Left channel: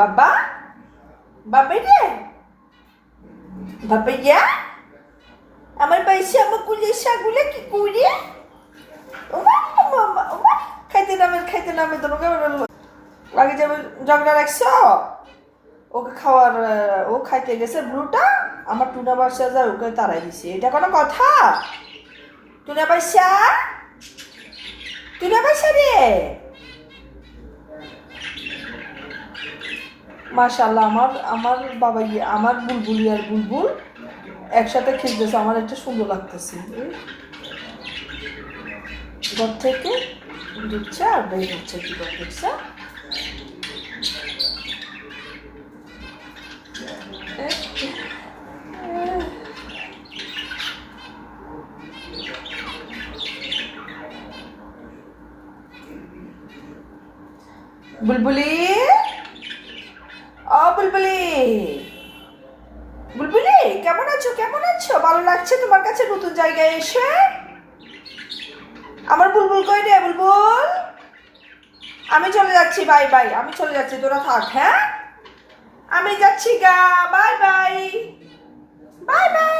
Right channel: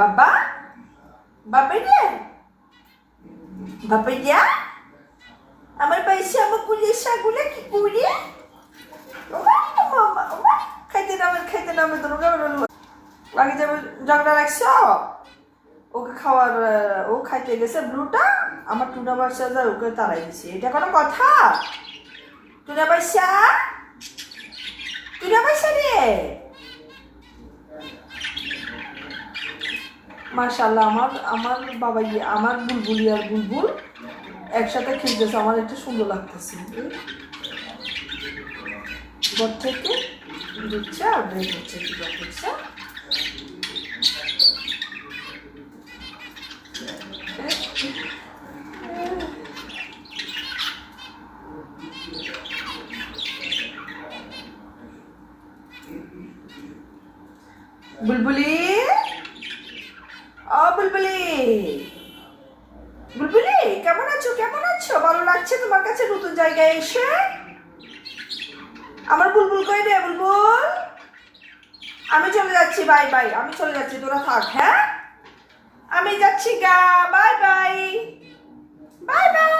বাবা, বাবা রে, বাবা যা, আমার পাইছে আমার কুলের শাকগুলো কি করে? ওমা মামা, ওমা খাইতে নামে তো আগে যাবে ঝগড়া রাখছো। ওকে খাওয়ার ও খাইতে গেছে ব্লুটা, আমার টুনা বাসা যায় ওকে তাড়াই দিছে। এটা কোনো কথা? টুনা বাসা, টুনা বাসা রে, মাশাআল্লাহ আমার আমার বাবা আমার বুলবুলি আর বুলবুল একসাথে খেলতেছে, আমার একটা সুন্দর লাগতেছে। ঘর থেকে ঢুকছে আর বের হচ্ছে, কি করতেছে বুলবুলি, ও বুলবুলি, বুলবুলি কেমন আছো? কেমন আছো? ভালো লাগছে তোমার কাছে নতুন জায়গায় এসে? আমার বুলবুল কই রে বুলবুল? আমি চলে যাচ্ছি, বাই বাই, আমি চলে যাচ্ছি, তোরা থাক। হ্যাঁ আমি যাচ্ছি গা, বাই বাই, বাই বাই।